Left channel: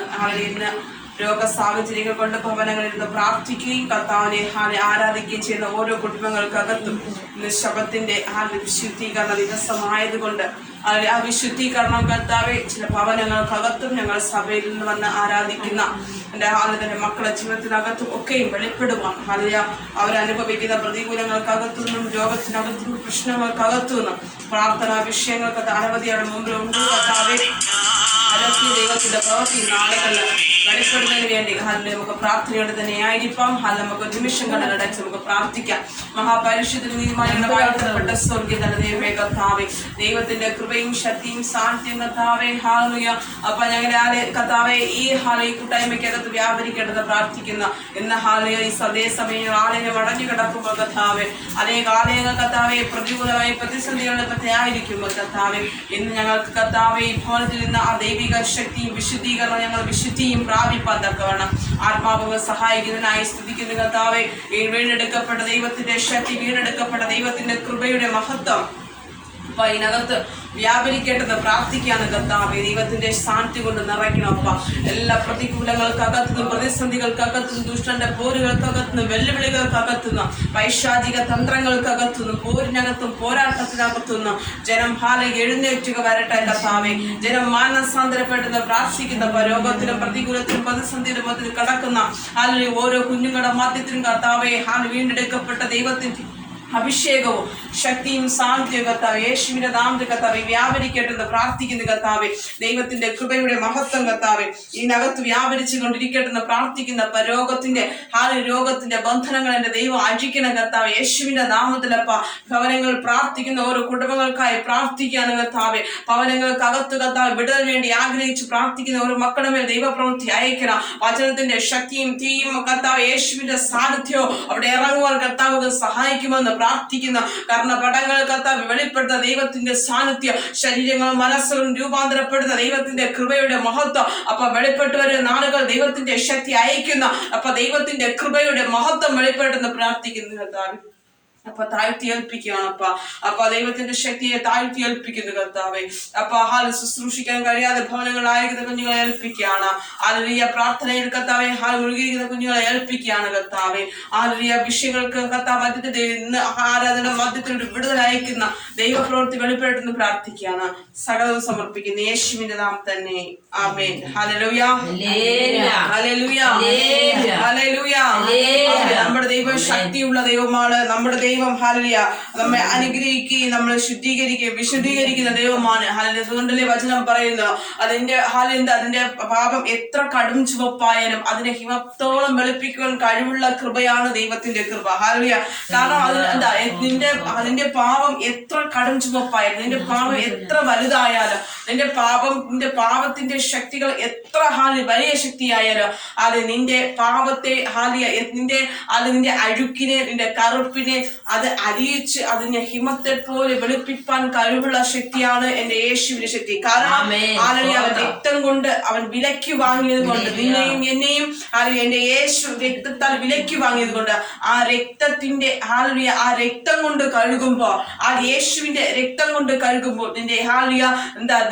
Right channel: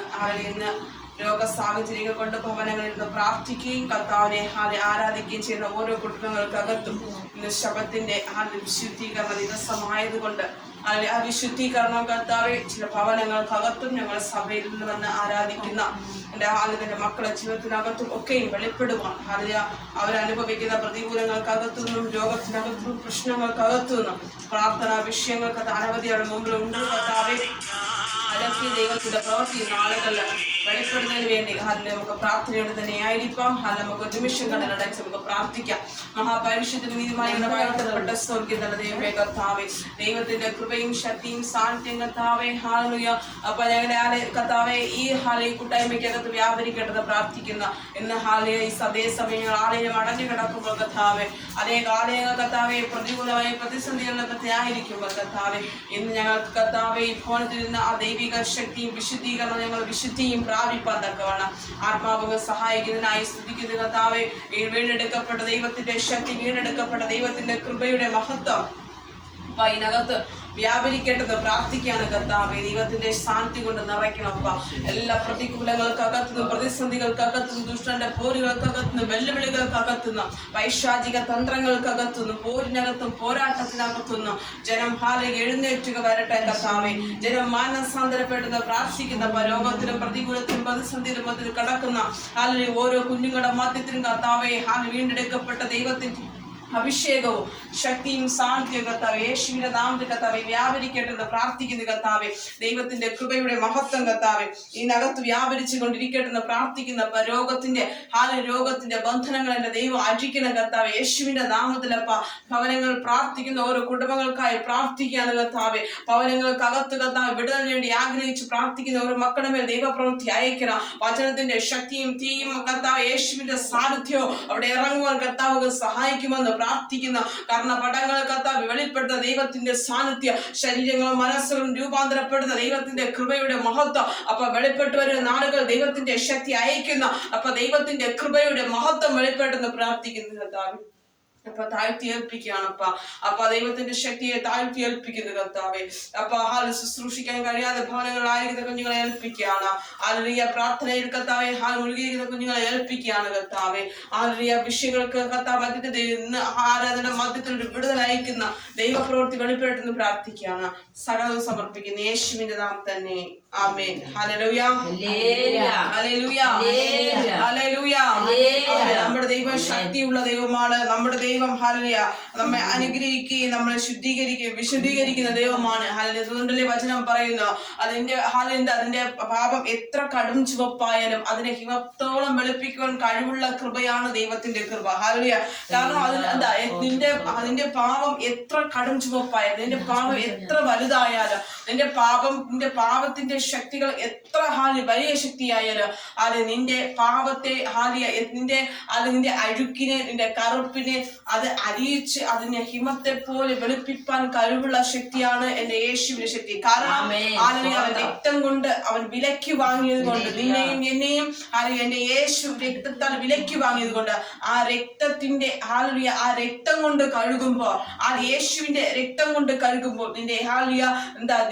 ഇന്ന് രോഗ സാഹചര്യങ്ങൾ കൊണ്ട് ഭവനങ്ങളിൽ നിന്ന് പ്രാർത്ഥിക്കുകയും കർത്താവിനെ ആരാധിക്കുകയും ചെയ്യുന്ന ഓരോ കുടുംബങ്ങൾക്കകത്തും ഇന്ന് ശബത്തിന്റെ വിശുദ്ധീകരണ ദിവസമായതുകൊണ്ട് ആ വിശുദ്ധീകരണം കർത്താവെ ചില ഭവനങ്ങൾക്കകത്തും ഞങ്ങൾ സഭയിൽ നിന്ന് വന്ന് ആരാധിക്കുന്ന എൻ്റെ മക്കളുടെ ജീവിതത്തിനകത്തും ഒക്കെയും വെളിപ്പെടുവാൻ അവരനുഭവിക്കുന്ന പ്രതികൂലങ്ങൾക്കകത്തു നിന്നും രോഗത്തിനകത്തും പ്രശ്നങ്ങൾക്കകത്തു നിന്നും പ്രാർത്ഥനാ വിഷയങ്ങൾക്ക് അനവധിയുടെ മുമ്പിലുണ്ട് കർത്താവെ. ദൈവത്തിന്റെ പ്രവൃത്തി നാളുകളിൽ വെളിപ്പെടുന്നതിന് വേണ്ടി നമുക്ക് പ്രാർത്ഥനയോടെ തന്നെ ആയിരിക്കാം. നമുക്ക് ഒരു നിമിഷം കടലടച്ച് നമുക്ക് പ്രാർത്ഥിക്കാം. മഹാപരിഷത്തിന് നീതിമാനപ്പെട്ട സ്വർഗ്ഗീയ ദൈവമേ കർത്താവേ, ദൈവത്തിന്റെ കൃപയും ശക്തിയും സാന്നിധ്യം കർത്താവേ, ഹാലൂയ. അപ്പൊ ഞങ്ങളുടെ കർത്താവെ ഈ കൂട്ടായ്മയ്ക്കകത്ത് വ്യാപരിക്കേണ്ടത് പ്രാർത്ഥിക്കുന്ന ഇന്ന് ഹാലയ ഈ സദയസമയം ആലയം അടഞ്ഞു കിടക്കുമ്പോൾ കർത്താവെ, അനേക ആലയങ്ങൾ കർത്താവെ പ്രതികൂലമായി പ്രതിസന്ധികളൊക്കെ ആയിരിക്കുമ്പോൾ കർത്താവെ, ഇന്ന് ഞങ്ങൾക്ക് കർത്താവെ ഈ ഭവനത്തിൽ നിന്ന് ആ ദൈവിക ശക്തിയും വിശുദ്ധീകരണം ഞങ്ങൾ വിശുദ്ധിയും പ്രാപിപ്പാൻ തക്കവണ്ണം ആത്മാവങ്ങൾ സഹായിക്കുന്നതിനായി സ്തുതിക്കുന്ന കർത്താവെ. ഈ വീണ്ടെടുക്കപ്പെട്ട ദൈവത്തിന്റെ ശക്തി, വീണ്ടെടുക്കപ്പെട്ട ദൈവത്തിന്റെ കൃപയുടെ മഹത്വം അപ്പൊ ഇതിനകത്ത് വ്യാപരിക്കേണ്ടത് പ്രാർത്ഥിക്കാണ് കർത്താവെ. ദൈവത്തിന്റെ ശാന്തി കൊണ്ട് നിറയ്ക്കണപ്പ. എല്ലാ പ്രതികൂലങ്ങൾക്കകത്തുനിന്നും പ്രതിസന്ധികൾക്കകത്തുനിന്നും ദുഷ്ടന്റെ പോരുകൾക്കകത്തുനിന്നും വെല്ലുവിളികൾക്കകത്തുനിന്നും പൈശാചിക തന്ത്രങ്ങൾക്കകത്തുനിന്നും പോരിനകത്തും പോരാട്ടത്തിനകത്തുനിന്നും ജനം എഴുന്നേറ്റുക വരട്ടെ കർത്താവെ. ജനം മാനസാന്തരപ്പെടുന്ന പ്രാർത്ഥിക്കുന്ന രോഗത്തിലും പ്രതികൂലത്തിലും പ്രതിസന്ധിയിലും അതിൽ കടക്കുന്ന ഓരോ കുഞ്ഞുങ്ങളുടെ മധ്യത്തിലും കർത്താവെ വീണ്ടെടുക്കപ്പെട്ട ദൈവത്തിന്റെ അഭിഷേകവും ശക്തിയും സാന്നിധ്യവും കർത്താവെ യേശുവിന്റെ നാമത്തിൽ കർത്താവെ വ്യാപരിക്കട്ടെന്ന് പ്രാർത്ഥിക്കുന്ന കർത്താവെ. ദൈവത്തിന്റെ കൃപയുടെ മഹത്വം കർത്താവെ ഇതിനകത്ത് വ്യാപരിച്ചു കൊണ്ടിരിക്കട്ടെന്ന് പ്രാർത്ഥിക്കുന്ന രോഗത്തിന്റെ ബന്ധനങ്ങൾ എന്റെ ദൈവം അഴിക്കണം കർത്താവെ യേശുവിന്റെ നാമത്തിലപ്പ. ഭവനങ്ങൾ പ്രാർത്ഥിക്കുന്ന ഓരോ കുടുംബങ്ങൾക്കായി പ്രാർത്ഥിക്കുകയാണ് കർത്താവെ. ഭവനങ്ങൾക്കകത്ത് കർത്താവ് വിടുതൽ വേണ്ടി ആഗ്രഹിച്ച് പ്രാർത്ഥിക്കുന്ന ഓരോ മക്കളുടെ മേൽ ദൈവപ്രവൃത്തി അയക്കണം. വചനത്തിന്റെ ശക്തിയും തീയും കർത്താവ് യേശുവിന്റെ സാന്നിധ്യവും അവിടെ ഇറങ്ങുവാൻ കർത്താവ് സഹായിക്കുമെന്ന് പ്രാർത്ഥിക്കുന്ന കർണപടങ്ങൾ കർത്താവ് വെളിപ്പെടുന്ന ദൈവത്തിന്റെ സാന്നിധ്യം, ശരീരങ്ങളും മനസ്സുകളും രൂപാന്തരപ്പെടുന്ന ദൈവത്തിന്റെ കൃപയുടെ മഹത്വം അപ്പൊ വെളിപ്പെട്ടു വരുന്ന നാളുകൾ ദൈവത്തിന്റെ ശക്തി അയക്കുന്ന അപ്പൊ ദൈവത്തിന്റെ കൃപയുടെ മഹത്വം വെളിപ്പെട്ടെന്ന് പ്രാർത്ഥിക്കുന്നു കർത്താവ്. അപ്പൊ താഴ്ത്തി ഏൽപ്പിക്കുകയാണപ്പ. അപ്പൊ ദൈവത്തിന്റെ ശക്തിയെ താഴ്ത്തി ഏൽപ്പിക്കുന്നു കർത്താവെ. അപ്പൊ ശുശ്രൂഷിക്കാൻ കഴിയാതെ ഭവനങ്ങളായിരിക്കുന്ന കുഞ്ഞുങ്ങളെ ഏൽപ്പിക്കുകയാണ്. ആലരിയ പ്രാർത്ഥനയിൽ കർത്താവെ മുഴുകിയിരിക്കുന്ന കുഞ്ഞുങ്ങളെ ഏൽപ്പിക്കുകയാണ് കർത്താവെ. ആലരിയ വിഷയങ്ങൾക്ക് കർത്താവ് മധ്യത്തിൽ ആരാധന മധ്യത്തിൽ വിടുതൽ അയക്കുന്ന ദൈവപ്രവൃത്തി വെളിപ്പെടുത്തുന്നു പ്രാർത്ഥിക്കുകയാണ്. സകലവും സമർപ്പിക്കുന്നു യേശുവിന്റെ നാം തന്നെ. ആമേൻ. ഹല്ലേലൂയ, ഹല്ലേലൂയ, ഹല്ലേലൂയ. നമ്മുടെ ദൈവം ശക്തിയുള്ള ദൈവമാണ്. നമ്മുടെ ദൈവം ഹല്ലേലൂയ നമ്മെ അനുഗ്രഹിക്കുകയും നമ്മളെ ശുദ്ധീകരിക്കുകയും വിശുദ്ധീകരിക്കുന്ന ദൈവമാണ്. ഹല്ലേലൂയ. അതുകൊണ്ടല്ലേ വചനം പറയുന്നു അതിന്റെ പാപം എത്ര കടും ചുവപ്പായാലും അതിനെ ഹിമത്തോളം വെളുപ്പിക്കുവാൻ കഴിവുള്ള കൃപയാണ് ദൈവത്തിന്റെ കൃപ. ഹല്ലേലൂയ. കാരണം അതിന്റെ പാപം എത്ര കടും ചുവപ്പായാലും, നിന്റെ പാപം എത്ര വലുതായാലും, നിന്റെ പാപത്തിന്റെ ശക്തികൾ എത്ര വലിയ ശക്തിയായാലും അത് നിന്റെ പാപത്തെ നിന്റെ അഴുക്കിനെ, നിന്റെ കറുപ്പിനെ അത് അരിയിച്ച് അതിനെ ഹിമത്തെ പോലെ വെളുപ്പിപ്പാൻ കഴിവുള്ള ശക്തിയാണ് എന്റെ യേശുവിന്റെ ശക്തി. കാരണം അവൻ രക്തം കൊണ്ട് അവൻ വിലയ്ക്ക് വാങ്ങിയത് കൊണ്ട്, നിന്നെയും എന്നെയും എന്റെ യേശു രക്തത്താൽ വിലയ്ക്ക് വാങ്ങിയത് കൊണ്ട് ആ രക്തത്തിന്റെ ആ രക്തം കൊണ്ട് കഴുകുമ്പോൾ, ആ യേശുവിന്റെ രക്തം കൊണ്ട് കഴുകുമ്പോൾ നിന്റെ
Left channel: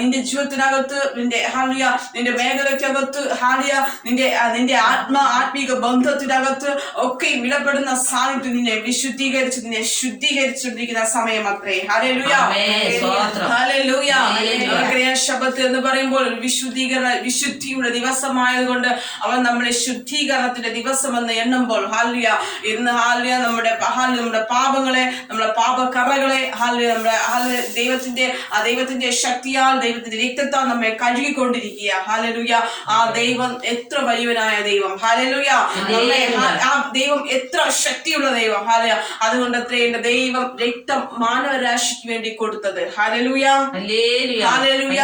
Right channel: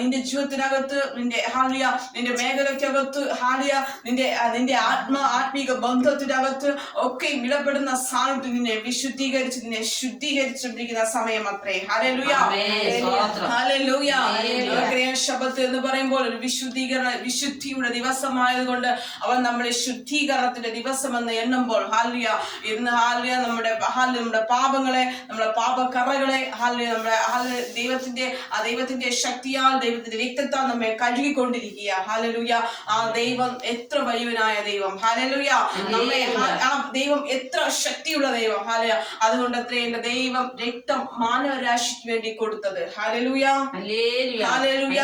നിന്റെ ജീവിതത്തിനകത്ത് നിന്റെ മേഖലയ്ക്കകത്ത് നിന്റെ ആത്മീക ബന്ധത്തിനകത്ത് ഒക്കെ വിലപ്പെടുന്ന സാന്നിധ്യം നിന്നെ വിശുദ്ധീകരിച്ച് നിന്നെ ശുദ്ധീകരിച്ചിരിക്കുന്ന സമയം അത്രേ. Hallelujah, hallelujah. ശബത്ത് എന്ന് പറയുമ്പോൾ വിശുദ്ധിയുടെ ദിവസമായതുകൊണ്ട് അവൻ നമ്മുടെ ശുദ്ധീകരണത്തിന്റെ ദിവസം എന്ന് എണ്ണുമ്പോൾ ഇന്ന് നമ്മുടെ പാപങ്ങളെ, നമ്മുടെ പാപക്കറകളെ ദൈവത്തിന്റെ ശക്തിയാൽ, ദൈവത്തിന്റെ രക്തത്താൽ നമ്മെ കഴുകിക്കൊണ്ടിരിക്കുക. ഹല്ലേലൂയ. ആ ദൈവം എത്ര വലിയവനായ ദൈവം. ഹല്ലേലൂയ. ആ ദൈവം എത്ര ശക്തിയുള്ള ദൈവം. ഹല്ലേലൂയ. അതുകൊണ്ട് എന്റെ ദൈവം രക്തം മാനവരാശിക്ക് വേണ്ടി കൊടുത്തത്. Hallelujah, hallelujah.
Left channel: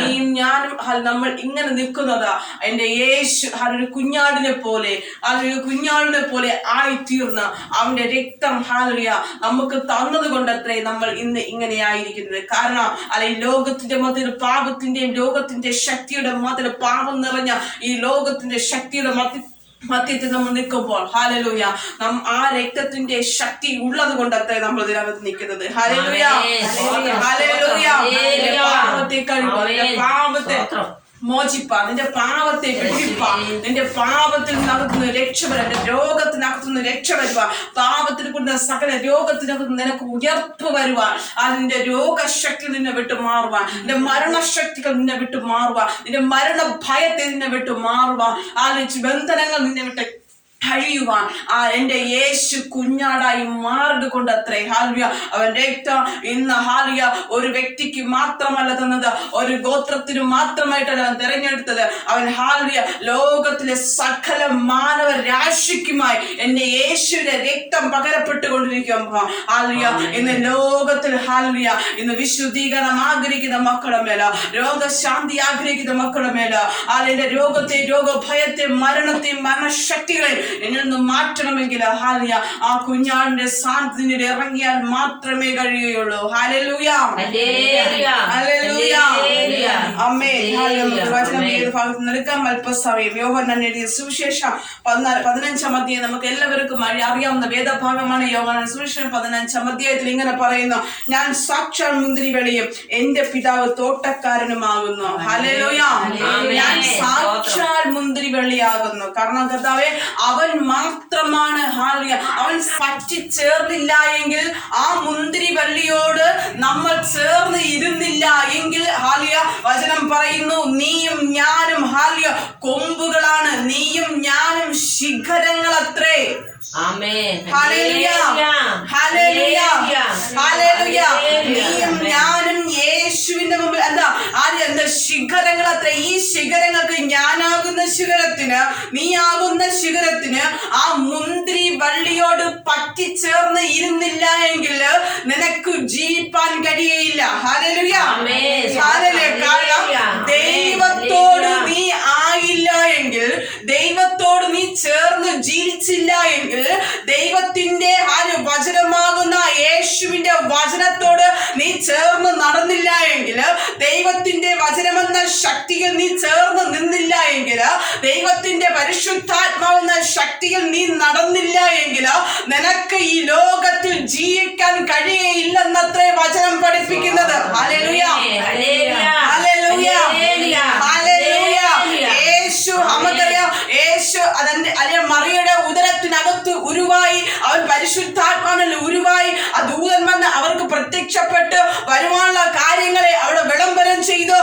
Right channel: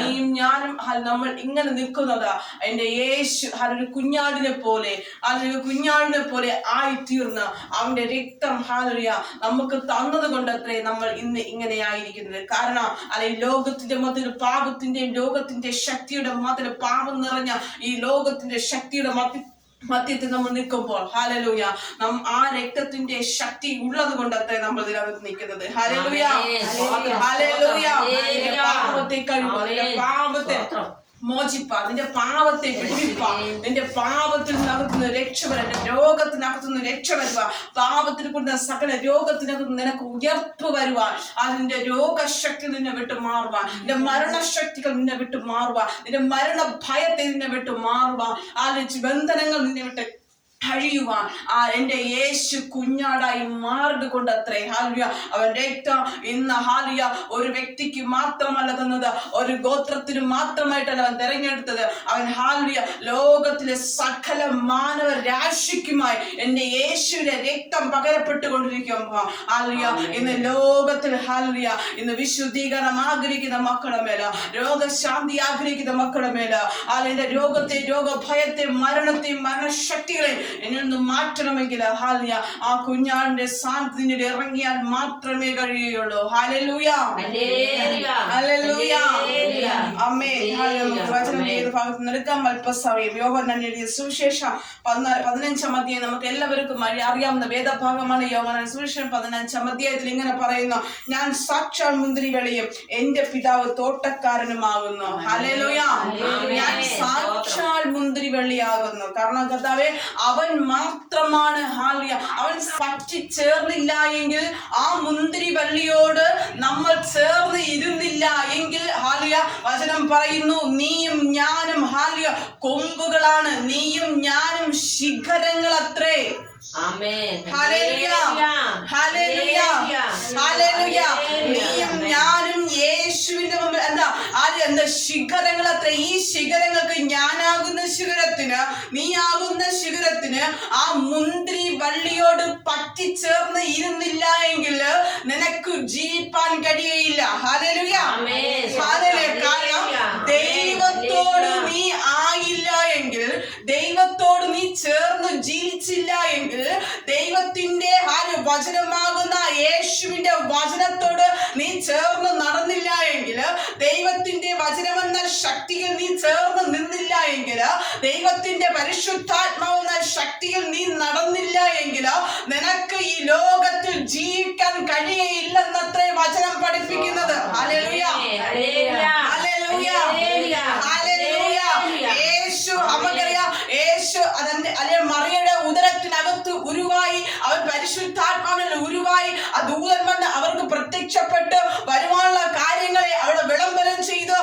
നീയും ഞാനും നമ്മൾ ഇങ്ങനെ നിൽക്കുന്നതാ എന്റെ യേശു ഒരു കുഞ്ഞാടിനെ പോലെ ആയിത്തീർന്ന അവന്റെ രക്തം ഹല്ലേലൂയ നമുക്ക് തന്നത് കൊണ്ടത്രേ നമ്മൾ ഇന്ന് ഇങ്ങനെ ആയിരിക്കുന്നത്. കാരണം ലോകത്തിന്റെ മധ്യ പാപത്തിന്റെയും ലോകത്തിന്റെ ശക്തിയുടെ മധ്യ പാപം നിറഞ്ഞ ഈ ലോകത്തിന്റെ ശക്തിയുടെ മധ്യത്തിൽ നമ്മൾ നിൽക്കുമ്പോൾ ഹല്ലേലൂയ ആ രക്തത്തിന്റെ ശക്തി ഉള്ളത് കൊണ്ടത്രേ നമ്മൾ ഇതിനകത്ത് നിൽക്കുന്നത്. Hallelujah, hallelujah. പാപത്തെ മോചിപ്പാൻ, നിന്റെ പാപത്തെ വിടിപ്പാൻ, നിന്റെ പാപത്തിൽ നിന്നകത്തുനിന്ന് രക്ഷപ്പെടാൻ, നിന്റെ രോഗത്തിനകത്തുനിന്ന് രക്ഷ വരുവാൻ, പാപത്തിൽ കൊണ്ട സകല രോഗത്തിനകത്ത് നിനക്ക് ഉയർപ്പ് വരുവാൻ, അതിന്റെ രോഗശക്തി നിന്നെ വിട്ടു മാറുവാൻ, നിന്റെ മരണശക്തികൾ നിന്നെ വിട്ടു മാറുവാൻ, നിന്റെ മരണ ഭയത്തെ നിന്നെ വിട്ടു മാറുവാൻ, ബന്ധനങ്ങൾ നിന്നെ വിട്ട് കഴിയുവാൻ എന്റെ യേശു കുഞ്ഞാടായി മാർഗ് കൊണ്ടത്രേ. ഹാലിയ അവൻ രക്തം ഇന്ന് ഹാലിയ ഒരു വ്യക്തിക്ക് മാത്രമല്ല തന്നത്, ഒരു ഗോത്രത്തിന് മാത്രമായിട്ടല്ല അവൻ തിരഞ്ഞെടുത്തത്. അവൻ ഹാലിയ ലോകത്തിലെ സകല മാനവ രാശിക്കുമായി എന്റെ യേശുവിന്റെ രക്തം പകരപ്പെട്ടുകൊണ്ടിരിക്കുമ്പോ ഹാലിയ ഇന്ന് ലോകത്തിൽ ഹാലിയ ഇന്ന് വിശുദ്ധീകരണം ആഗ്രഹിക്കുന്ന മക്കളുടെ മേല, രോഗശാന്തി ആഗ്രഹിക്കുന്ന മക്കളുടെ മേല, അതിന്റെ രോഗത്തെ, രോഗഭയത്തെ, മരണത്തെ, മരണശക്തികളെ എന്നിൽ നിന്ന് മാറ്റണമെങ്കിൽ ഹാലിയ ആ കുഞ്ഞാടിന്റെ സാന്നിധ്യത്തിൽ ഇറങ്ങിയാൽ മാത്രമേ കഴിയുകയുള്ളൂ. ഹല്ലേലൂയ, ഹല്ലേലൂയ, ആമേൻ. വചനം ഏത് ഭാഗത്ത് നിൽക്കാം അല്പസമയം. യോഹന്നാൻ എഴുതിയ സുവിശേഷം 15-ാം അധ്യായം നമുക്ക് എല്ലാവർക്കും അറിയാവുന്ന വേദഭാഗമാണ്. യോഹന്നാൻ സുവിശേഷം 15-ാം അധ്യായത്തിൽ ഇങ്ങനെ പറയുന്നു, ഞാൻ സാക്ഷാൽ മുന്തിരിവള്ളിയും എന്റെ പിതാവ് തോട്ടക്കാരനുമാകുന്നു. ഹല്ലേലൂയ, ഞാൻ സാക്ഷാൽ മുന്തിരിവള്ളിയാകുന്നു. കാരണം കർത്താവേ അവൻ മാത്രമാണ് ഹാലിയ, അവൻ പറ്റിച്ചേർന്നില്ല എങ്കിൽ, ആ മുന്തിരി വള്ളിയോട് നമ്മൾ ചേർന്ന് ഇരുന്നില്ല എങ്കിൽ ഹാലിയ വചനം പറയുന്നു, നീയും ഞാനും ഹാലിയ കൊമ്പുകളാണ്, നീയും ഞാനും ശിഖരങ്ങളത്രേ. ഹല്ലേലൂയ, ഹല്ലേലൂയ, ഹല്ലേലൂയ. നീയും ഞാനും യേശുവിന്റെ മുമ്പിൽ എന്താ ശിഖരങ്ങളത്രേ. ഈ ശിഖരങ്ങൾക്ക്, ഞാനാകുന്ന ശിഖരത്തിന്, നീ ആകുന്ന ശിഖരത്തിന് ആ മുന്തിരി വള്ളിയോട് പറ്റിച്ചേർന്ന് ഇരുന്നില്ല എങ്കിൽ നിനക്ക് ജീവിപ്പാൻ കഴിയയില്ല. Hallelujah, hallelujah. ദൈവത്തോട് നീ ആയില്ല എങ്കിൽ, ദൈവത്തോട് നീ ചേർന്ന് ജീവിച്ചില്ല എങ്കിൽ, ദൈവത്തിന്റെ വചനമാകുന്ന യേശുവിന്റെ വചനത്തോട് നീ ചേർന്ന് നടന്നില്ല എങ്കിൽ, ദൈവത്തിന്റെ വചനമെന്ന ശക്തിയിൽ നീ ചേർന്ന് നിന്നില്ല എങ്കിൽ, ദൈവത്തിന്റെ പരിശുദ്ധാത്മാവെന്ന ശക്തിയിൽ നീ നടന്നില്ല എങ്കിൽ നിനക്ക് ഈ ലോകത്തിൽ ജീവിക്കാൻ കഴിയയില്ലെന്നത്രേ വചനം പഠിപ്പിക്കുന്നത്. ഹല്ലേലൂയ, ഹല്ലേലൂയ, ഹല്ലേലൂയ. യേശു നമുക്കറിയാം, യേശു അതിന്റെ മറിയയുടെ ഉദരത്തിനകത്ത് ഉരുവായി, അവൻ പരിശുദ്ധാത്മാവിൽ ഉരുവായി, ആ ദൂതൻ വന്ന് അവർക്ക് പ്രത്യക്ഷപ്പെട്ട് വരുവാനുള്ള കാര്യങ്ങളെ അവിടെ വിളംബരം ചെയ്തു.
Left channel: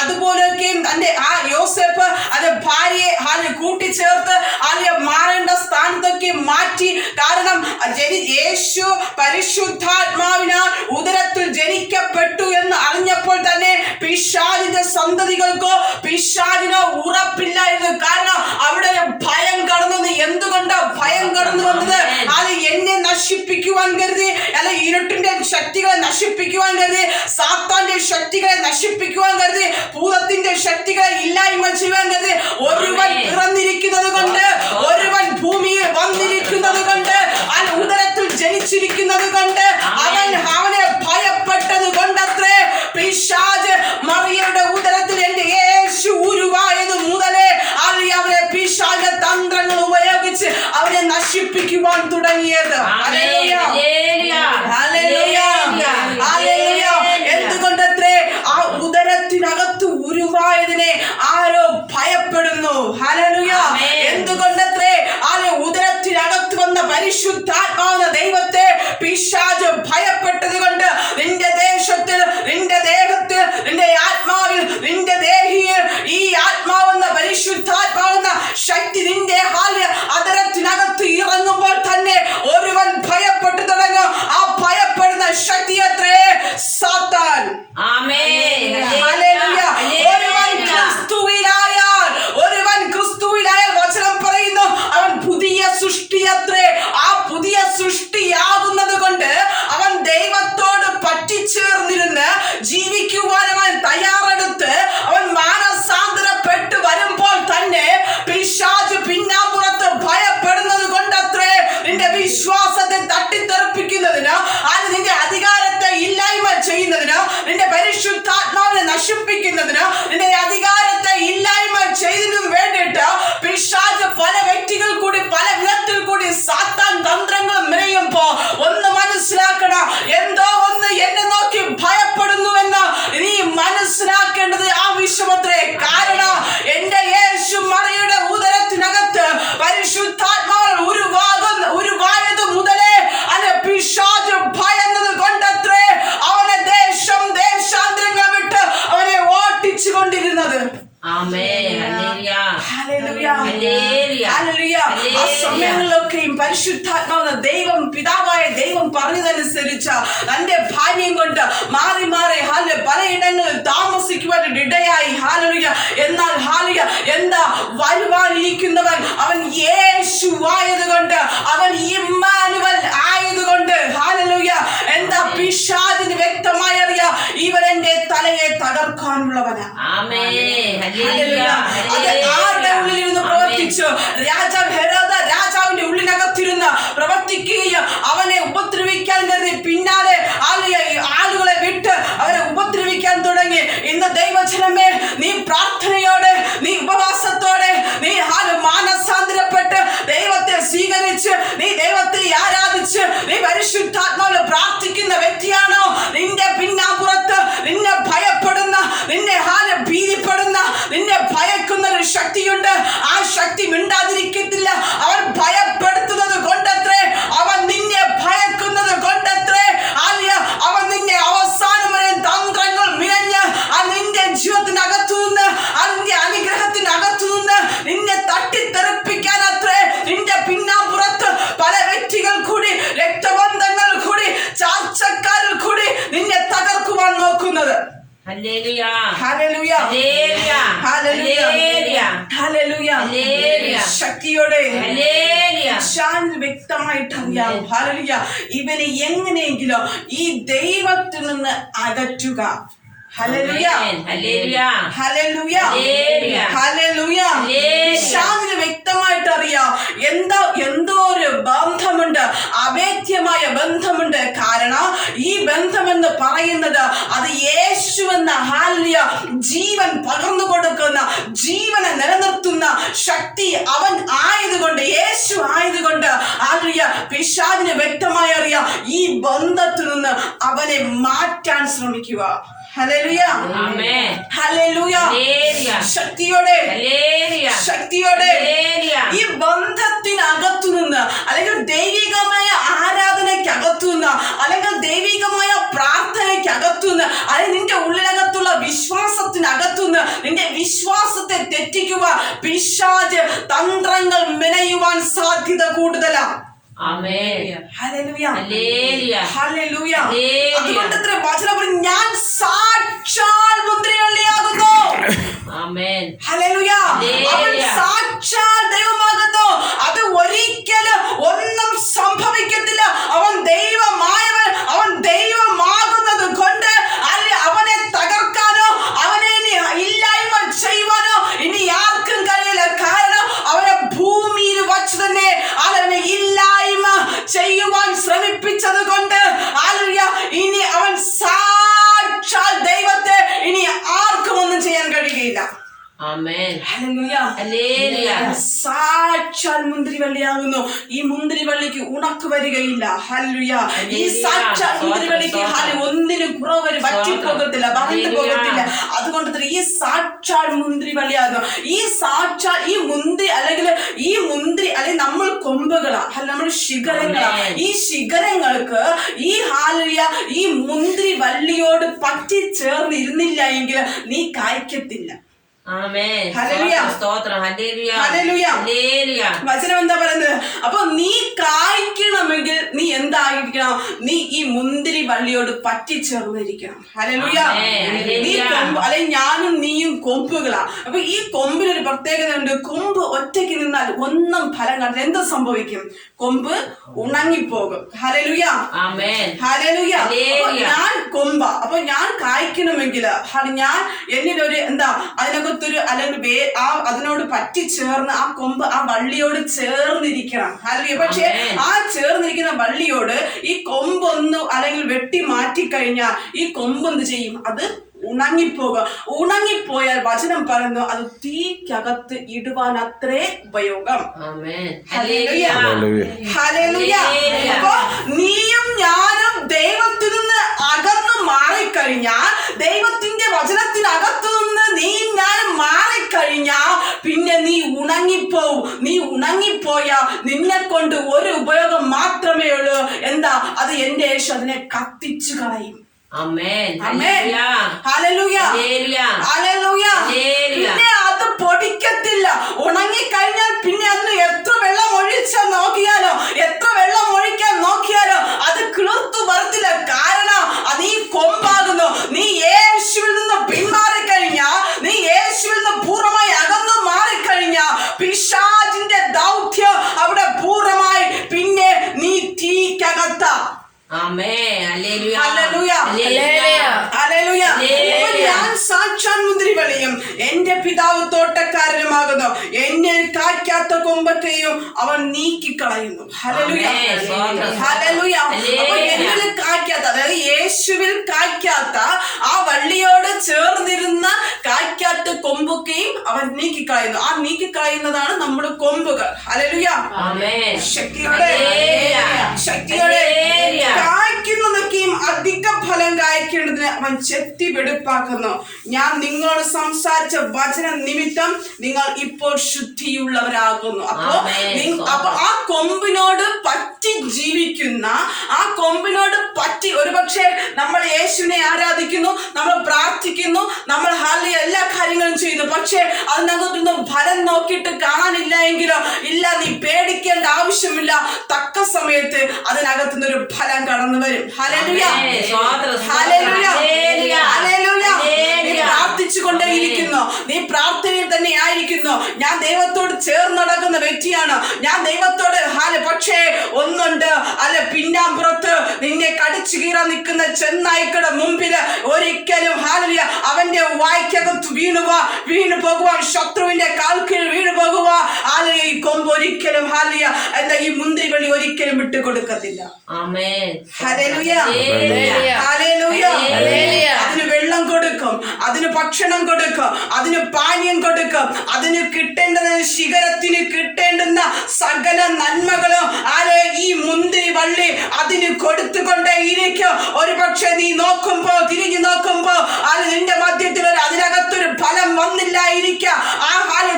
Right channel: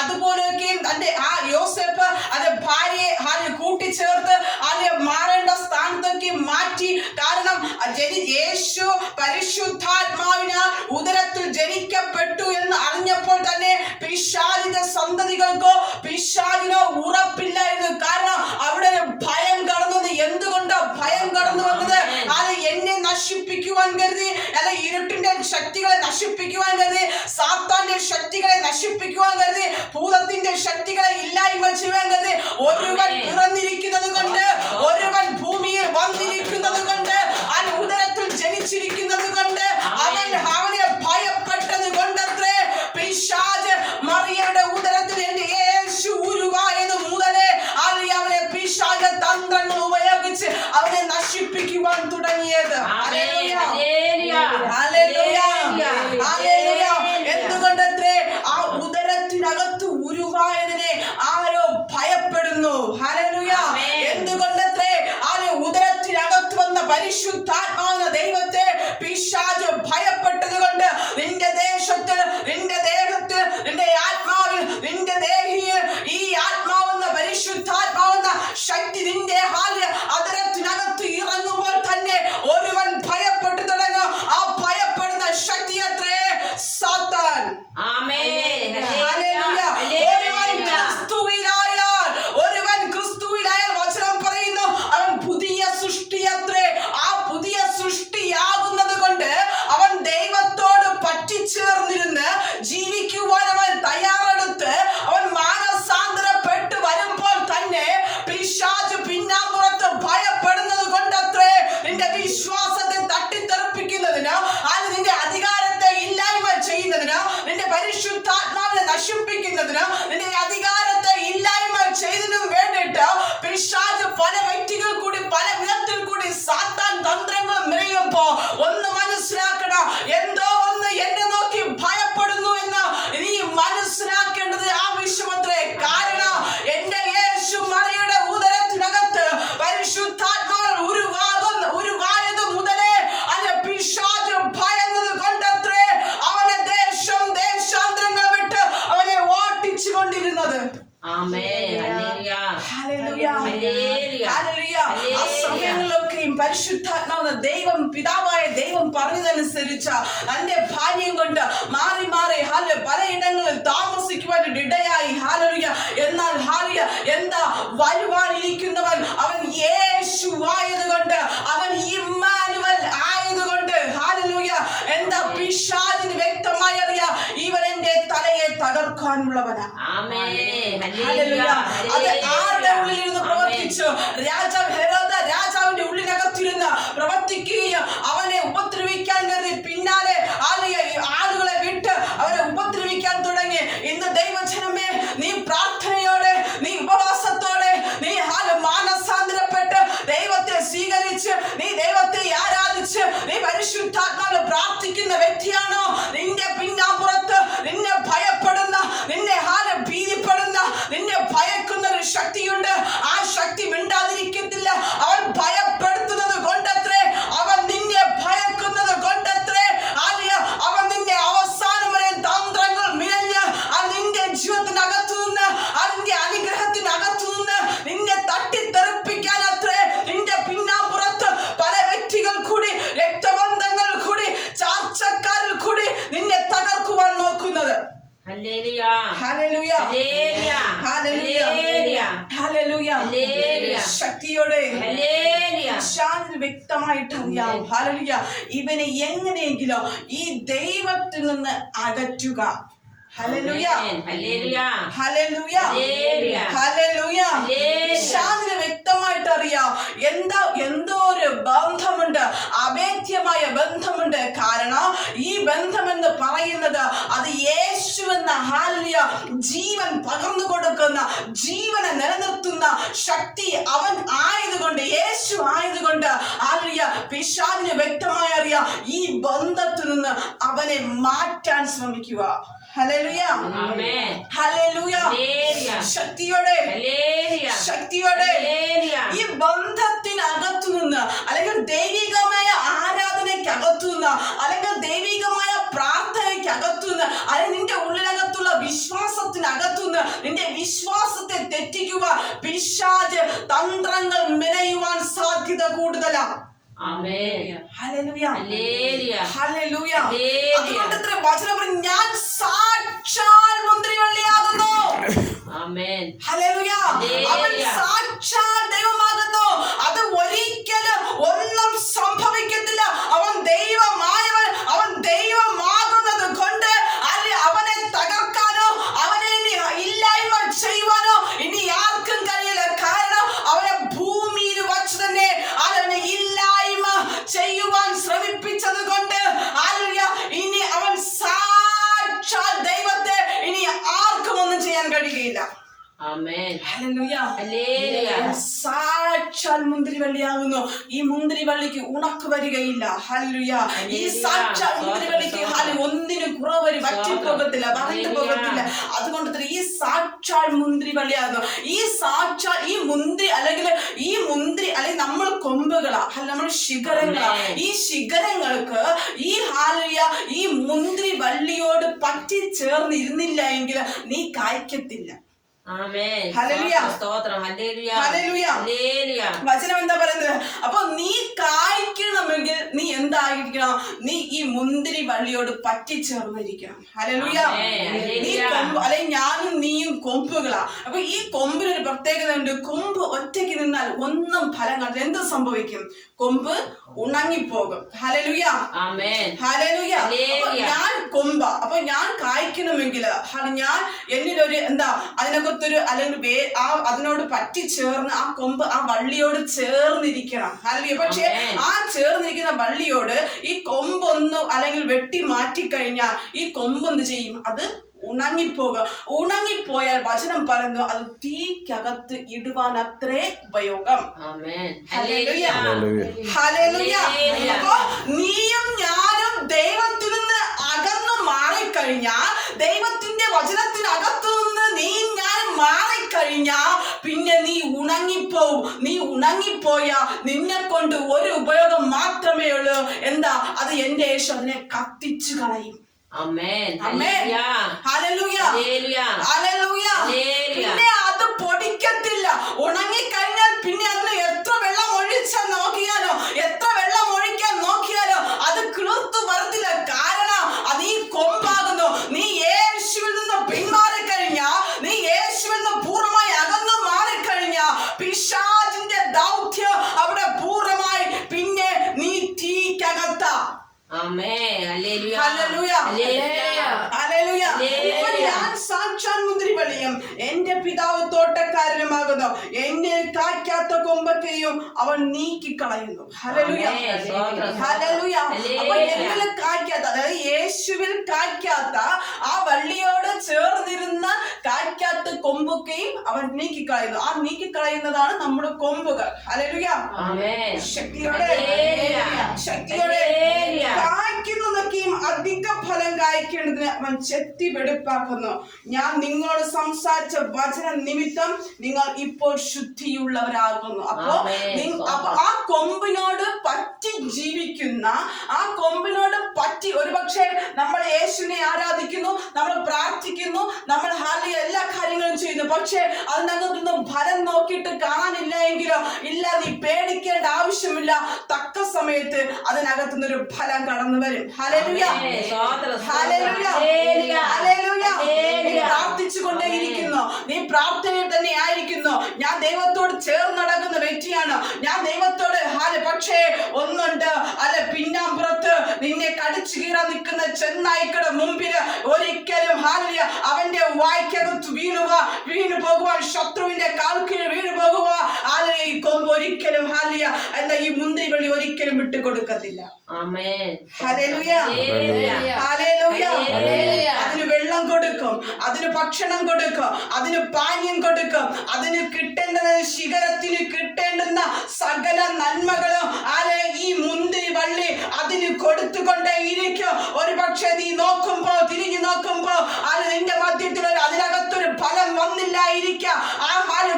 അതുപോലെയൊക്കെയും തന്റെ ആ യോസേപ്പ് അത് ഭാര്യയെ കൂട്ടിച്ചേർത്ത് മാറേണ്ട സ്ഥാനത്തൊക്കെ മാറ്റി. കാരണം യേശു പരിശുദ്ധാത്മാവിനാൽ ഉദരത്തിൽ ജനിക്കപ്പെട്ടു എന്ന് അറിഞ്ഞപ്പോൾ തന്നെ പിശാചിന്റെ സന്തതികൾക്കോ പിശാചിനോ ഉറപ്പില്ലായിരുന്നു. കാരണം അവിടെ ഭയം കടന്നു. എന്തുകൊണ്ടാ ഭയം കടന്നു വന്നത്? അത് എന്നെ നശിപ്പിക്കുവാൻ കരുതി, അല്ല ഇരുട്ടിന്റെ ശക്തികളെ നശിപ്പിക്കുവാൻ കരുതി, സാത്താന്റെ ശക്തികളെ നശിപ്പിക്കുവാൻ കരുതി, ഭൂതത്തിന്റെ ശക്തികളെ ഇല്ലായ്മ ചെയ്യുവാൻ കരുതി. ഒരുവൻ പിറന്നിരിക്കുന്നത് കൊണ്ട്, ഒരുവൻ ഭൂമിയിൽ വന്നിരിക്കുന്നത് കൊണ്ട്, ഉദരത്തിൽ ജനിച്ചിരിക്കുന്നത് കൊണ്ട്, അവനെ ഭയപ്പെട്ടത് കൊണ്ടത്രേ പിശാച് മറിയയുടെ ഉദരത്തിൽ എന്റെ യേശു ഉരുവായത് മുതലേ അവനെ പിശാച് തന്ത്രങ്ങൾ ഉപയോഗിച്ച് അവനെ നശിപ്പിക്കുവാൻ തുടങ്ങിയത്. എന്തുകൊണ്ടത്രേ ആ ഉദരത്തിനകത്ത് ഉരുവായതിനെ ആരോ ഭയപ്പെടുന്നു. ഹല്ലേലൂയ. എന്തുകൊണ്ടത്രേ ഉദരത്തിനകത്ത് വന്ന പരിശുദ്ധാത്മാവെന്ന ദൈവത്തെ പിശാച് ഭയപ്പെട്ടത് കൊണ്ട്, നിന്റെ ദേശത്തിൽ, നിന്റെ ദേഹത്തിൽ, നിന്റെ ആത്മാവിൽ, നിന്റെ ദേഹിയിൽ ഈ ആത്മാവെന്ന പരിശുദ്ധാത്മാവെന്ന ശക്തി നിന്റെ അതരത്തിനകത്ത് ഇറങ്ങുമ്പോൾ തന്നെ ഒരുവൻ ഭയപ്പെട്ടു തുടങ്ങും. ആ ഭയപ്പെടുന്ന ശക്തി അത്രേ സാത്താൻ. ഒരുവൻ ക്രിസ്തുവിലായാൽ വചനം പറയുന്നു, അവൻ പുതിയ സൃഷ്ടി അത്രേ. ആ പുതിയ സൃഷ്ടി ആ സമയങ്ങളിലൊക്കെയും പരിശുദ്ധാത്മാവെന്ന ദൈവം പിതാവായ ദൈവം പറഞ്ഞതനുസരിച്ച് തന്റെ ഭാര്യം കൊണ്ട് മാറി മാറി പലയിടങ്ങളിൽ താമസിക്കുവാൻ ഇടയായി. ഹാലലുയ. എന്നാൽ ഹാലുയ എന്താ വരുവാനിരിക്കുന്നവൻ അവൻ യേശു ആയതുകൊണ്ട്, അവൻ ഇമ്മാനുവൽ ആയതുകൊണ്ട് ഹാലലുയ എന്താ പിശാചിന് വ്യക്തമായി അറിയാം ഇവൻ എന്റെ തലയെ തകർക്കാനുള്ളവനാ. അത് ആരുടെ ഉള്ളിലിരുന്ന് പ്രവർത്തിച്ചു? രാജാവിന്റെ ഉള്ളിനകത്തിരുന്ന് പ്രവർത്തിക്കുകയും അവനെ ഉപദ്രവിക്കാൻ പിന്നാലെ ആളുകളെ വിട്ട് അവരെ ഉപദ്രവിക്കാൻ തുടങ്ങി. ഇന്ന് ദൈവജനമേ, നീ പ്രാർത്ഥനയോടെ, നീ ഉപവാസത്തോടെ, നീ മാനസാന്തരപ്പെട്ട് ദൈവത്തെ സ്വീകരിച്ച്, നീ ദൈവത്തെ ആരാധിച്ച്, നീ പരിശുദ്ധാത്മാവിൽ പ്രാർത്ഥിക്കുന്ന വ്യക്തിയാണോ? നിന്റെ പിന്നാമ്പുറത്ത് നിന്നെ ഭയപ്പെടുന്ന, നിന്നെ ഭീതിപ്പെടുന്ന, നിന്നെ ഭയക്കുന്ന ഒരു ശക്തിയുണ്ട്. ആ ശക്തി മിണ്ടാതിരിക്കത്തില്ല. അവൻ ഭയപ്പെടുത്തുന്നത് കൊണ്ടത്രേ, അവൻ നിന്നെ ഭയക്കുന്നത് കൊണ്ടത്രേ, അവൻ നിന്നെ അവസാനം വരെ തന്ത്രങ്ങൾ മിഴഞ്ഞ് നിന്റെ ജീവിതത്തിനകത്തു നിന്ന്, അതിന്റെ അനുഗ്രഹത്തിനകത്തു നിന്ന് നിന്നെ തട്ടിത്തെറിപ്പിക്കാൻ അത്രേ നിന്റെ പിന്നാമ്പുറത്ത് പല വ്യക്തികൾ കൂടി, രക്തബന്ധങ്ങൾ കൂടി, ചാർച്ചക്കാരിൽ കൂടി നിന്നെ തകർക്കുവാൻ നോക്കുന്നത്. ശക്തിയോടെ വ്യക്തമായിട്ട് അറിയാം. ഹല്ലേലൂയ. ഇവനെ എങ്ങനെയെങ്കിലും ഈ ദൈവത്തിൽ നിന്ന് അകറ്റുക. ഹല്ലേലൂയ, ഹല്ലേലൂയ, ഹല്ലേലൂയ. ശാന്തിന് വ്യക്തമായിട്ട് അറിയാം എന്തോ ഒരു ബന്ധമുണ്ട്, അഭേദ്യമായ ബന്ധമുണ്ട്. കാരണം ഈ ബന്ധമെന്ന് പറയുന്നത് അത് യേശു എന്ന ഹല്ലേലൂയ ജീവൻ പകർന്നു കൊടുക്കുന്ന, ജീവനെ നിലനിർത്തുന്ന ശക്തി അവൻ ആയതുകൊണ്ട്, യേശു ആയതുകൊണ്ട് ഹല്ലേലൂയ പിശാചിന് വ്യക്തമായി അറിയാം ഈ ബന്ധത്തിൽ നിന്ന് അവനെ മാറ്റാൻ ശ്രമിക്കുക. Hallelujah, hallelujah. ശക്തിയോടെ, ശക്തിയോടെ ഈ ബന്ധത്തിനകത്തു നിന്ന്, അല്ലെങ്കിൽ ദൈവികമായ ആരാധനയ്ക്കകത്തു നിന്ന്, അല്ലെങ്കിൽ ദൈവികമായ പ്രാർത്ഥനയ്ക്കകത്തു നിന്ന്, അല്ലെങ്കിൽ നിന്റെ ഉള്ളിനകത്തുള്ള വിശ്വാസത്തിനകത്തു നിന്ന് നിന്റെ വിശ്വാസത്തെ തെറ്റിക്കുക പിശാച് തന്ത്രങ്ങൾ മെനയുവാൻ സാധ്യത കൂടുതലാണ്. അതുകൊണ്ട് വചനം പറയും, ഞാൻ സാക്ഷാൽ മുന്തിരിവള്ളിയാകുന്നു. അവൻ സാക്ഷാൽ ദൈവമാകുന്നു. അത് ഒരിക്കലും ഒന്നും സംഭവിക്കത്തില്ല. അവൻ ദൈവമായവൻ, അവൻ ദൈവമാകുന്നത് കൊണ്ട് അവനെ തകർക്കാനോ അവനെ ഇനി ഇല്ലായ്മ ചെയ്യുവാനോ ഇനി ആർക്കും കഴിയില്ല. കാരണം അവനെ ഭൂമിയിൽ വച്ച് തന്നെ അവനെ ഇല്ലായ്മ ചെയ്യുവാൻ ശ്രമിപ്പിച്ചത് കൊണ്ട് ഇനി അവൻ സാക്ഷാൽ ദൈവത്തെ ഇനി ആർക്കും ഒന്നും ചെയ്യാൻ കഴിയുകയില്ല. സാക്ഷാൽ മുന്തിരിവള്ളിയാകുന്നു. ഈ മുന്തിരിവള്ളിക്ക് ഉണക്ക് വരികയില്ല. ഹല്ലേലൂയ. ഈ സാക്ഷാൽ മുന്തിരിവള്ളിക്ക് ഒന്നിനും കുറവ് വറ്റിപ്പോകത്തില്ല, വരണ്ടു പോകത്തില്ല. അതുകൊണ്ട് തന്നെ ഈ സാക്ഷാൽ മുന്തിരിവള്ളിയാകുന്നു. ഈ സാക്ഷാൽ ഈ മുന്തിരി അല്ലെങ്കിൽ നമ്മൾ കൊമ്പുകളാ, നമ്മൾ ശിഖരങ്ങളാ. ഈ ശിഖരങ്ങൾക്ക് ഈ ഹല്ലേലൂയ ഈ മുന്തിരി വള്ളിയോട് പറ്റി ചേർന്നിരുന്നില്ല എങ്കിൽ നീ കായ്ക്കത്തില്ല. വചനം എന്താ പറയുന്നത്? അപ്പൊ നീ കായ്ക്കണമെങ്കിൽ നീ എന്തായിരിക്കണം? നീ ഈ മുന്തിരി വള്ളിയോട് പറ്റിച്ചേർന്നിരിക്കണം. ഹല്ലേലൂയ. നീ കൊമ്പ്, അല്ലെങ്കിൽ ഞാനും നീയും കൊമ്പുകളാ. അപ്പൊ ഈ കൊമ്പിനൊരു പ്രത്യേകത ഉണ്ട്. കൊമ്പ് ഒറ്റയ്ക്ക് നിന്നാൽ ഒന്നും ഫലം കണ്ടില്ല. എന്ത് സംഭവിക്കും? കൊമ്പ് ഉണങ്ങിപ്പോകും. Hallelujah, hallelujah. ഞാൻ കൊമ്പ, അപ്പൊ ഞാൻ കായ്ക്കണമെങ്കിൽ ഞാൻ എന്നിലൊരു അതിനകത്തൊരു അല്ലെങ്കിൽ അതിനോട് പറ്റിച്ചേർന്ന് ആ കൊമ്പ് ആ വള്ളിയോട് ചേർന്നിരിക്കണം. ഹല്ലേലൂയ. പക്ഷെ ആ ചേർന്നിരിക്കുന്ന വള്ളിയോട് ഈ കൊമ്പൊന്ന് അല്ലെങ്കിൽ വെട്ടി മാറ്റിക്കഴിഞ്ഞാൽ ഈ കൊമ്പ് എന്ത് ചെയ്യും? അത് ഉണങ്ങിപ്പോകുക. ഉണങ്ങിപ്പോയാൽ വചനം പറയുന്നു അത് തീക്കകത്ത് ഇടുവാൻ അത്രേ ഉപയോഗം. Hallelujah, hallelujah. അപ്പൊ നീയും ഞാനും ദൈവത്തിൽ നിന്ന് അകന്നു മാറിക്കഴിഞ്ഞാൽ, ദൈവത്തിന്റെ വചനത്തിനകത്തു നിന്ന് നീ ഞാൻ മാറിക്കഴിഞ്ഞാ പിന്നെ നീ ഉണങ്ങിപ്പോവും. നീ ഉണങ്ങിപ്പോയാ നിന്നെ കൊണ്ട് ഒരു ഉപയോഗം മാത്രമേ ഉള്ളൂ. എന്താ? അത് എന്റെ യേശു അതിനെ കത്തിച്ചു കളയും. പിന്നെ അത് പൊടിക്കത്തില്ല. ഉണങ്ങിക്കഴിഞ്ഞാൽ പിന്നെ അതിന് എത്ര വെള്ളം ഒഴിച്ചാൽ നോക്കിയാലോ, എത്ര വെള്ളം ഒഴിക്കാൻ നോക്കിയാലോ അത് കിളിർത്തു വരത്തില്ല. കാരണം അത് ഈ കൊമ്പാകുന്നു. നീ യേശുവിൽ നിന്ന് പിന്മാറിക്കഴിഞ്ഞാ, നീ യേശുവിൽ നിന്ന് പൂർണ്ണമായി അകന്നു മാറിക്കഴിഞ്ഞാ പിശാചിന്റെ ദൗത്യം അവിടെ പൂർണ്ണമായി പിന്നെ നീ തീക്കകത്ത. ഞാൻ സാക്ഷാൽ മുന്തിരിവള്ളിയും എന്റെ പിതാവ് തോട്ടക്കാരനുമാകുന്നു. എന്നെ കായ്ക്കാത്ത കൊമ്പൊക്കെയും അവൻ നീക്കിക്കളയുന്നു. Hallelujah, hallelujah. അപ്പോൾ എന്നിൽ കായ്ക്കാത്ത, അതായത് യേശുവിൽ കായ്ക്കാത്ത ആ വള്ളിയോട് ചേർന്നിരുന്ന കായ്ക്കാത്ത കൊമ്പൊക്കെയും അവൻ നീക്കിക്കളയുന്നു. ആ നീക്കിക്കളയുന്നതാണ് നമ്മുടെ കൊമ്പുകൾ. ഹല്ലേലൂയ, ശക്തിയോടെ ശക്തിയോടെ കായ്ക്കുന്നതൊക്കെയും അധിക ഫലം കായ്ക്കേണ്ടതിന് അവൻ ചെത്തി വെടിപ്പാക്കുന്നു. ഞാൻ നിങ്ങളോട് സംസാരിച്ച വചന നിമിത്തം നിങ്ങൾ ഇപ്പോൾ ശുദ്ധിയുള്ളവരാകുന്നു. അപ്പൊ ആ കൊമ്പിനോട് പറ്റി ജീവിക്കുന്ന, ആ കൊമ്പിനോട് പറ്റി, ഒരുപക്ഷെ നമ്മൾ യേശുവിനെ ആരാധിക്കുന്നു, നമ്മൾ പ്രാർത്ഥിക്കുന്നു, നമ്മൾ എല്ലാ കാര്യങ്ങളും ചെയ്യുന്നു. പക്ഷെ അതിനകത്തൊന്നും ഫലം നോക്കിയിട്ട് കാണാനില്ല എങ്കിലോ, ഇല്ല, നീ പേടിക്കേണ്ട ആവശ്യമില്ല. തക്ക സമയത്ത് അതിനകത്തുനിന്നൊരു ഫലം കടന്നു വരും. ഹല്ലേലൂയ, ഹല്ലേലൂയ, ഹല്ലേലൂയ. നീ പ്രാർത്ഥിച്ചു കൊണ്ടേയിരിക്കുന്നു, നീ പ്രാർത്ഥനയിൽ തന്നെ ആയിരിക്കുന്നു. ഞാൻ ദൈവത്തോട് ചേർന്ന് നടക്കുന്ന വ്യക്തിയാണ്, ഞാൻ ദൈവത്തോട് പക്ഷേ ഒന്നുണ്ട്, പിന്നാമ്പുറത്ത് നിന്നെ കടിച്ചു കീറാൻ നിൽക്കുന്ന ചെന്നായ്ക്കളുടെ മുമ്പില് ഒരിക്കലും അവന്റെ വായ്ക്കകത്ത് വീണു പോകുവാൻ, ശത്രുവിന്റെ കാൽക്കീഴിൽ വീണു പോകുവാൻ ഈ കൊമ്പ് ഒരിക്കലും എന്താ ഈ മുന്തിരിവള്ളി ഒരിക്കലും വിട്ടുകൊടുക്കത്തില്ല. അതിന് വെള്ളം കൊടുക്കും, അതിന് ഭക്ഷണം കൊടുക്കും, അതിന് പാനീയം കൊടുക്കും, അതിന് കിട്ടേണ്ടത്, ശിഖരത്തിന് കിട്ടേണ്ടുന്ന സകല നന്മകളും ഈ മുന്തിരി വള്ളി അതിന് കൊടുത്തുകൊണ്ടേ ഇരിക്കും. ഒരു പക്ഷെ നീ നോക്കുമ്പോ, തിരിഞ്ഞു നോക്കുമ്പോ നിന്റെ മധ്യത്തിൽ അതിനകത്തൊരു ഫലം വന്നില്ലായിരിക്കാം. ആ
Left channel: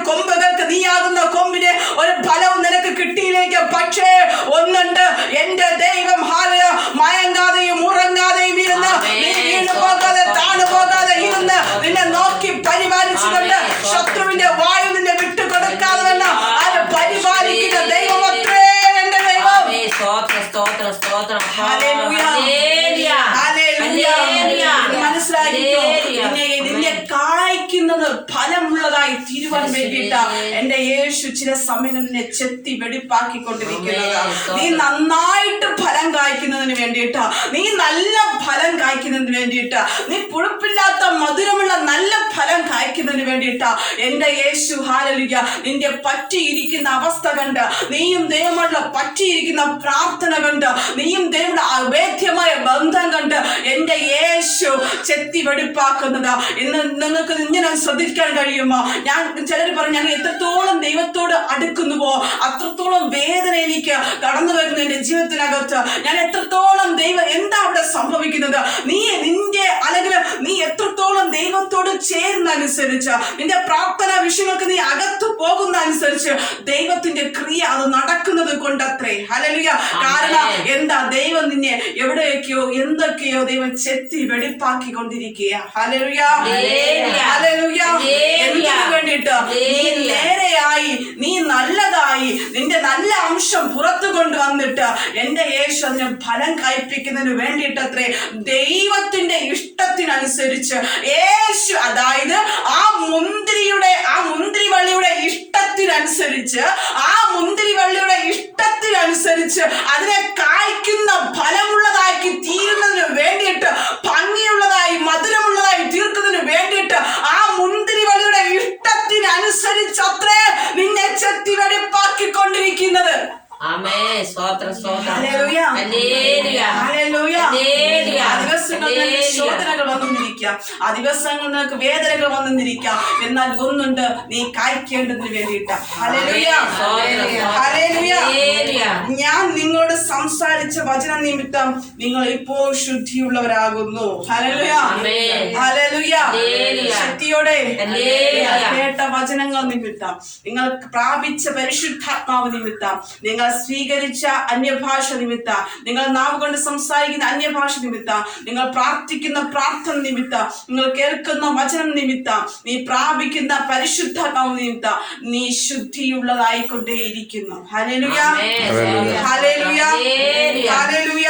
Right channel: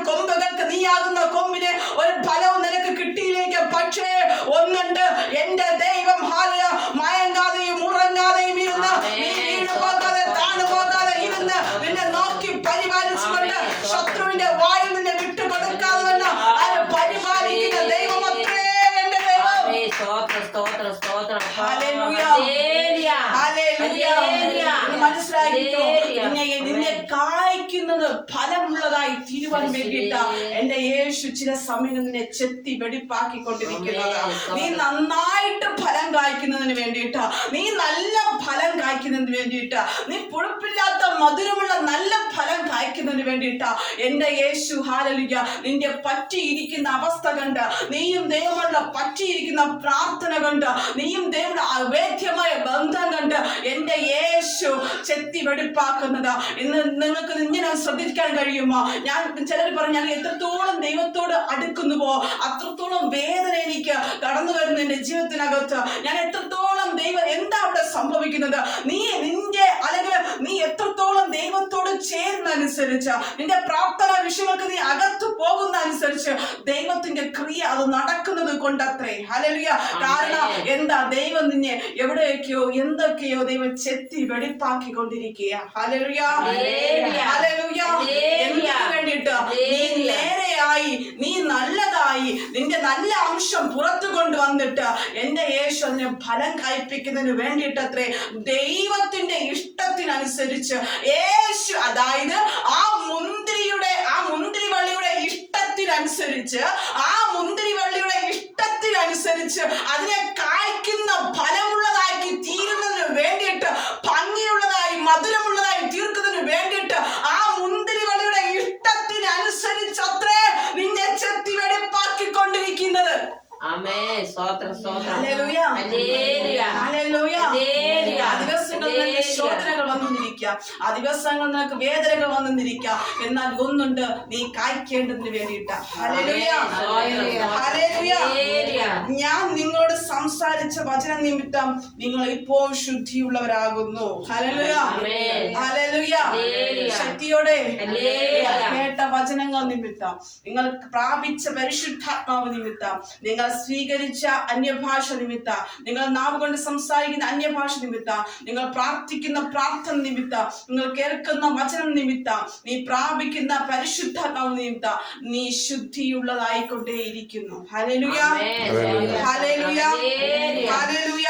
കൊമ്പുകൾക്ക്, നീയാകുന്ന കൊമ്പിന് ഒരു ഫലവും നിനക്ക് കിട്ടിയില്ലെങ്കിൽ. പക്ഷേ ഒന്നുണ്ട്, എന്റെ ദൈവം മയങ്ങാതെയും ഉറങ്ങാതെയും ഇരുന്ന്, നീ വീണു പോകാതെ താണു പോകാതെ ഇരുന്ന് നിന്നെ നോക്കി പരിപാലിച്ചുകൊണ്ട് ശത്രുവിന്റെ വായു നിന്നെ വിട്ടുകൊടുക്കാതെ പരിപാലിക്കുന്ന ദൈവം അത്രേ എന്റെ ദൈവം. മനസ്സിലായിരിക്കും. നിന്നെ കായ്ക്കുന്നത് ഫലമുള്ളതായി തീരുവാൻ വേണ്ടിയിട്ട് എന്റെ യേശു ചില സമയം നിന്നെ ചെത്തി വെടിപ്പാക്കിക്കൊണ്ടിരിക്കുന്നത്. നീ നന്നായിട്ട് ഫലം കായ്ക്കുന്നതിന് വേണ്ടിയിട്ട്, നീ നല്ല ഫലം കായ്ക്കുന്നതിന് വേണ്ടിയിട്ട്, നീ പുളിപ്പില്ലാത്ത മധുരമുള്ള നല്ല ഫലം കായ്ക്കുന്നതിന് വേണ്ടിയിട്ട് എന്റെ യേശു ഹല്ലേലൂയ നിന്റെ പറ്റിയിരിക്കുന്ന അവസ്ഥ കണ്ട്, നീയും ദൈവമുള്ള പറ്റിയിരിക്കുന്ന പ്രാർത്ഥന കണ്ട്, നീയും ദൈവമുള്ള അവേദ്യമായ ബന്ധം കണ്ട് എന്റെ യേശു ചെത്തി വെടിപ്പാക്കുന്നത്. ഇന്ന് നിങ്ങൾക്ക് ഇങ്ങനെ ശ്രദ്ധിക്കാൻ കഴിയുമോ? ചിലർ പറയും, ഞാൻ എത്രത്തോളം ദൈവത്തോട് അടുക്കുന്നുവോ അത്രത്തോളം വേദന എനിക്ക് കടന്നു വരുന്നു എന്റെ ജീവിതത്തിനകത്ത്. ഞാൻ എത്രത്തോളം എന്താ അവിടെ സംഭവിക്കുന്നത്? അല്ലെങ്കിൽ നീ എത്രത്തോളം ദൈവത്തോട് ചേരുന്നതനുസരിച്ച്, നിന്റെ പ്രാർത്ഥന വിഷയങ്ങൾക്ക് നീ അകത്തു പോകുന്ന അനുസരിച്ച് ദൈവത്തിന്റെ ക്രിയ അത് നടക്കുന്നത് കൊണ്ടത്രേ. ഹല്ലേലൂയ. കാരണം എന്താ? ദൈവം നിന്നെ എവിടെയൊക്കെയോ എന്തൊക്കെയോ ദൈവം ചെത്തി വെടിപ്പാക്കിക്കൊണ്ടിരിക്കുക. Hallelujah, hallelujah. എന്തിനു വേണ്ടിയിട്ട്? നീ നേരെയായി, നീ നല്ലതായി, നിന്റെ നല്ല അംശം പുറത്തു കൊണ്ടുവന്നിട്ട് എന്റെ യേശു അതിന് ഫലം കായ്പിക്കുന്നതിന് വേണ്ടിയിട്ടത്രേ. ദൈവത്തിന്റെ ഇഷ്ടത്തിനനുസരിച്ച് യേശു, അതായത് ആ മുന്തിരിവള്ളിയുടെ ഇഷ്ടത്തിനനുസരിച്ച്, ആ മുന്തിരിവള്ളിയുടെ ഇഷ്ടത്തിനനുസരിച്ച് അതിനെ കായ്ക്കുന്ന ഫലമുള്ളതാക്കി തീരുന്നതിന് വേണ്ടിയിട്ട്, ഭംഗിയുള്ളതായി മധുരമുള്ളതായി തീർക്കുന്നതിന് വേണ്ടിയിട്ട് ആ മുന്തിരിവള്ളിയുടെ ഇഷ്ടത്തിനനുസരിച്ച് അത്രേ നിന്നെ ചെത്തി വെടിപ്പാക്കിക്കൊണ്ടിരിക്കുന്നത്. ശോധനകൾ വന്നിരിക്കാം, ആ ദിവസങ്ങൾ നിനക്ക് വേദനകൾ വന്നിരിക്കാം. എന്നാൽ ഒന്നുണ്ട്, നീ കായ്ക്കേണ്ടതിന് വേണ്ടിയിട്ട്. ഞാൻ നിങ്ങളോട് സംസാരിച്ച വചന നിമിത്തം നിങ്ങൾ ഇപ്പോൾ ശുദ്ധിയുള്ളവരാകുന്നു. ശക്തിയോടെ കേട്ട വചനങ്ങൾ നിമിത്തം, നിങ്ങൾ പ്രാപിച്ച പരിശുദ്ധാത്മാവ് നിമിത്തം, നിങ്ങൾ സ്വീകരിച്ച അന്യഭാഷ നിമിത്തം, നിങ്ങൾ നാവ് കൊണ്ട് സംസാരിക്കുന്ന അന്യഭാഷ നിമിത്തം, നിങ്ങൾ പ്രാർത്ഥിക്കുന്ന പ്രാർത്ഥന നിമിത്തം നിമിത്തം, നിങ്ങൾ കേൾക്കുന്ന വചനം നിമിത്തം, നീ പ്രാപിക്കുന്ന പരിശുദ്ധാത്മാവ് നിമിത്തം നീ ശുദ്ധിയുള്ളതായിക്കൊണ്ടേയിരിക്കുന്നു. ഹല്ലേലൂയ, ഹല്ലേലൂയ, ഹല്ലേലൂയ.